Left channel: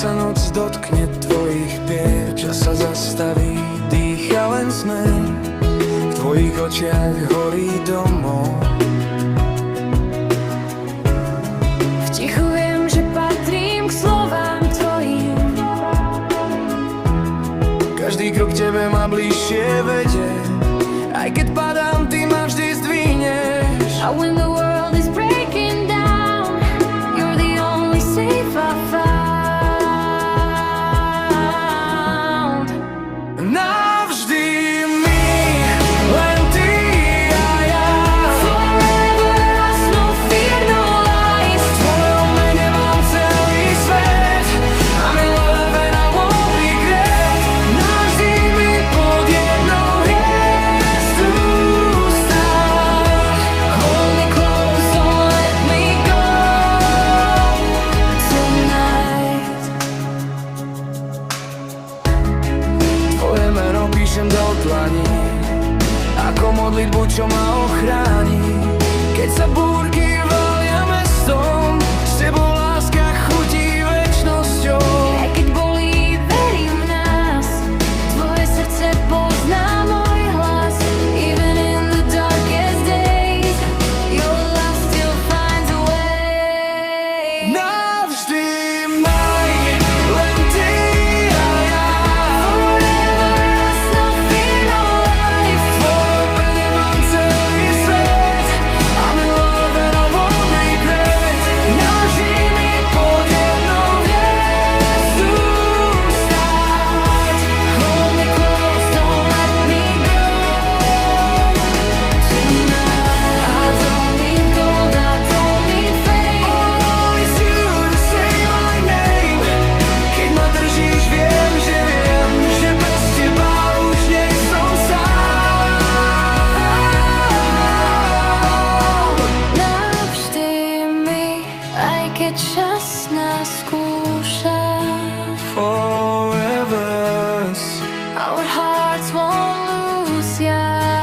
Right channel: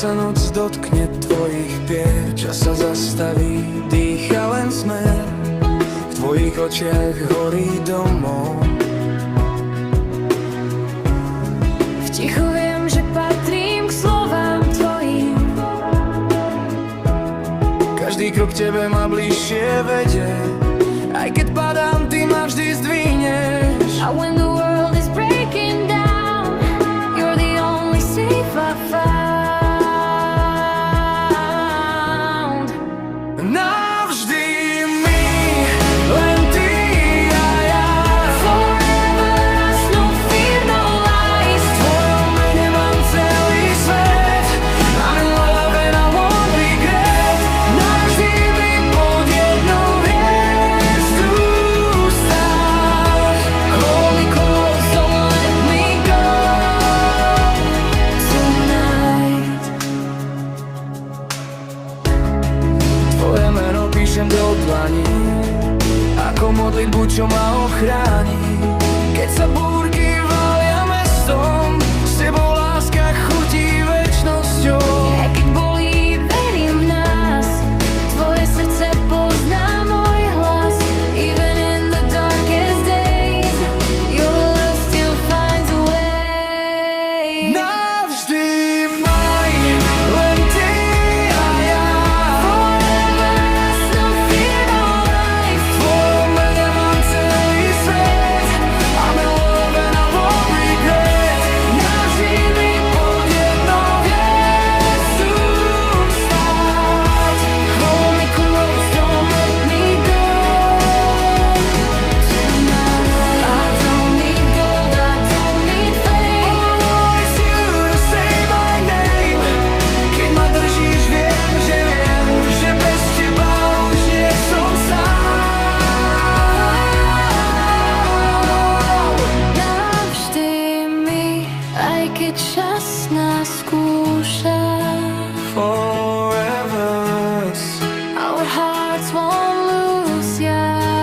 sa noc dotkne tvojich pier, čas sa zastaví, dýcha len smer. V tvojich očiach horí domov. V tichu viem, že patrím k slovám tvojim. Každý krok k tebe ma bližšie vedie. Aj keď padám, ty ma vždy zdvihneš. And when the world is breaking down, you're the only safe I found. Navždy my, len ty a ja. Forever us, no fear, no lies. V tvojom mene mám celý svet. I'm in love and I won't regret. Navždy mi pod jednou hviezdu stáť. Hold me close, don't let me go tonight. Tvoje meno píšem do dlaní, ako modlitbu, čo ma ochráni. Keď sa búrky valia mestom, s tebou láska chutí večnosťou. Aj keď bolí, verím v nás. Tvoje srdce pozná môj hlas. Even in the darkest days, your love still finds a way. Navždy maj, len ty a ja. Forever us, no fear, no lies. V tvojom mene mám celý svet. I'm in love and I won't regret. Navždy mi pod jednou hviezdu stáť. Hold me close, don't let me go tonight. I don't need gold, I don't need fame. All is you to say my name. Keď ma držíš, viem, že bez teba už nie som sám. Navždy mi, aj keď čas nás skúša. Forever. Our hearts won't lose ya.